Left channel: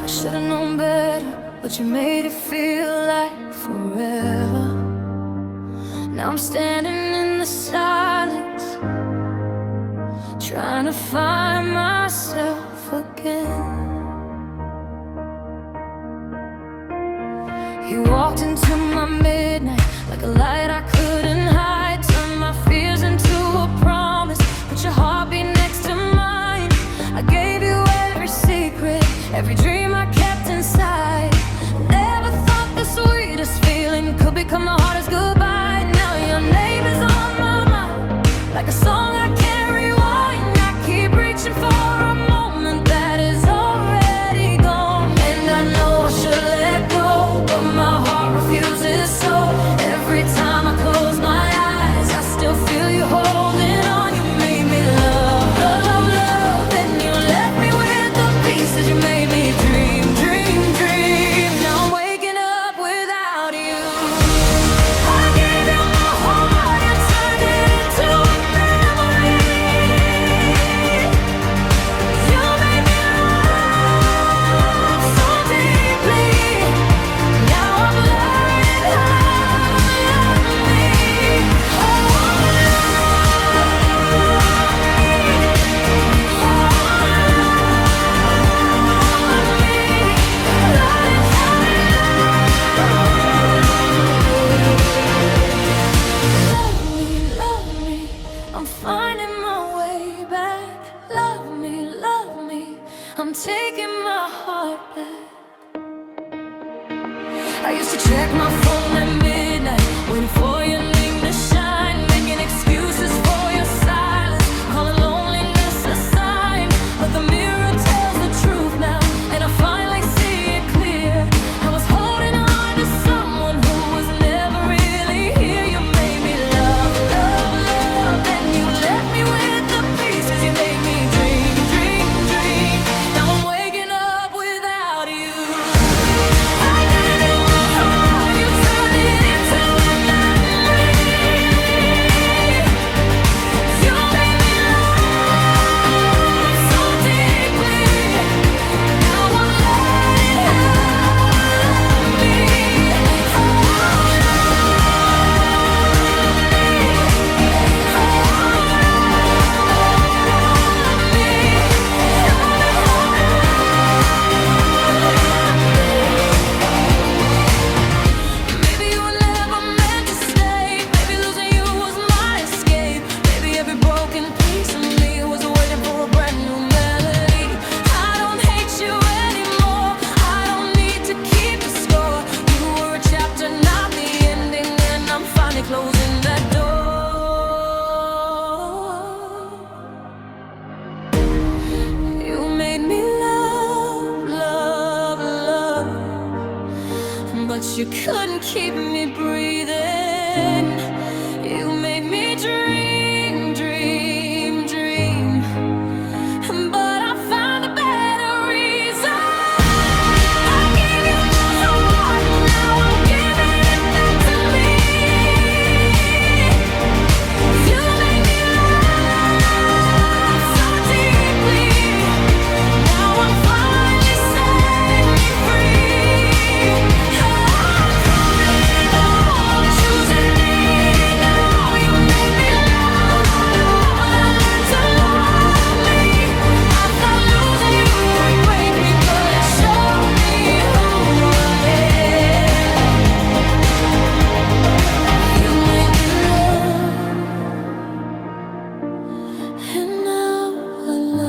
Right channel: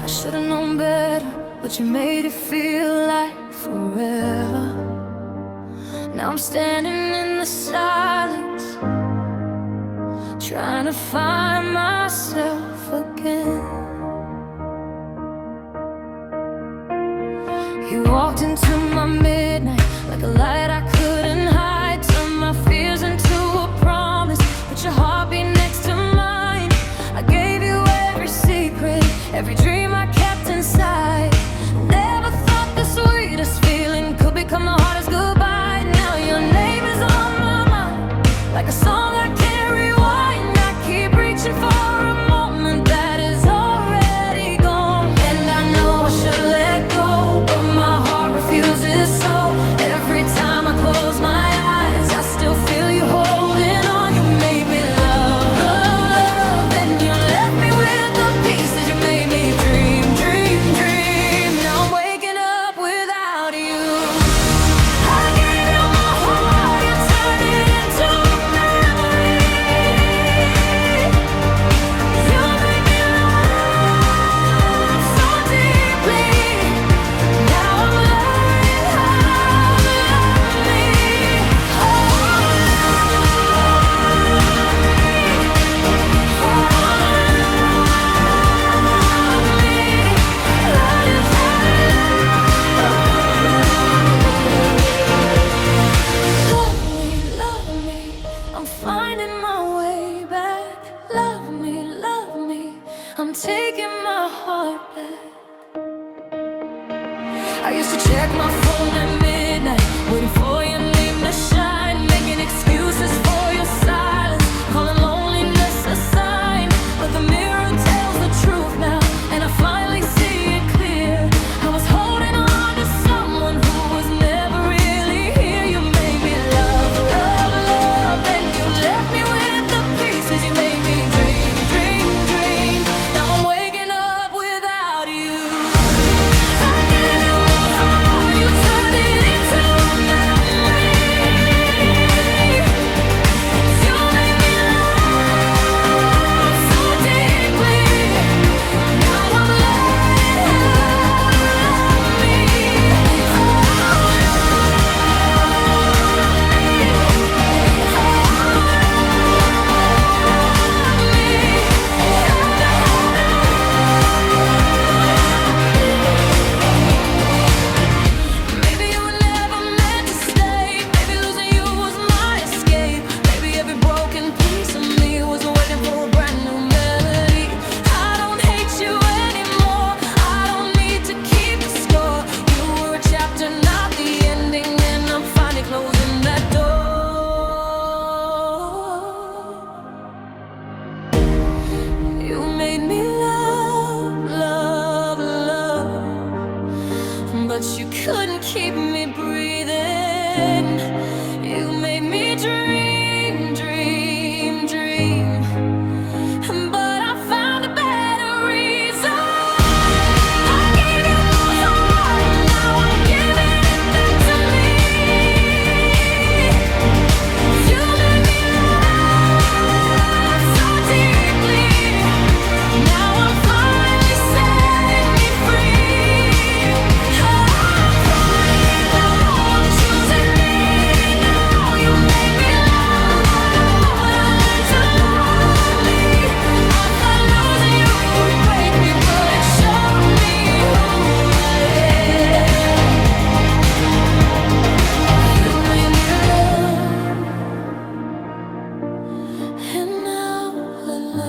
I should've known better, but you made it feel like forever. Now I'm standing in the silence, trying to find myself again. You walked into my midnight like a light I couldn't hide. Turned my fears into a promise, put your heartbeat next to mine. I gave you every secret, every dream I kept inside. Never thought the sweetest feeling could become the hardest goodbye. Now your name is on my mind, like a song I can't rewind. I keep reaching for a moment that is already gone. And I know I should've let go, but my heart refuses. So every time I close my eyes, I still feel you holding on. You made me love, love, love, then you left me with the pieces. You made me dream, dream, dream. Now I'm waking up without you. I gave you my heart, you turned it into a memory. You made me love so deeply. Now I'm learning how to love me. Oh, love me, love me. I'm finding my way back. Love me, I'm taking my heart back. I used to check my phone at midnight, waiting for your name to shine, making excuses for your silence, calling loneliness a sign. But the mirror tells the truth now, and I finally see it clear. I was holding on to someone who was never really here. You made me love, love, love, then you left me with the pieces. You made me dream, dream, dream. Now I'm waking up without you. I gave you my heart, you turned it into a memory. You made me love so deeply. Now I'm learning how to love me. Oh, maybe you were never meant to stay. Maybe losing you was my escape. Maybe every broken piece of me was waiting for a brand new melody. I don't hate you anymore, I don't need to keep the score. You were a chapter, not the ending, and I'm finally closing that door. You made me love, love, love, but you couldn't keep me breathing. You made me dream, dream, dream, but I found a better reason. I gave you my heart, now I'm giving it back to me. You made me love so deeply. Now I'm finally setting me free. Oh, I'm free now, I'm choosing me now. You made me love, but I learned to love me. I thought losing you would break me, but it showed me who I am. You made me love, and now I love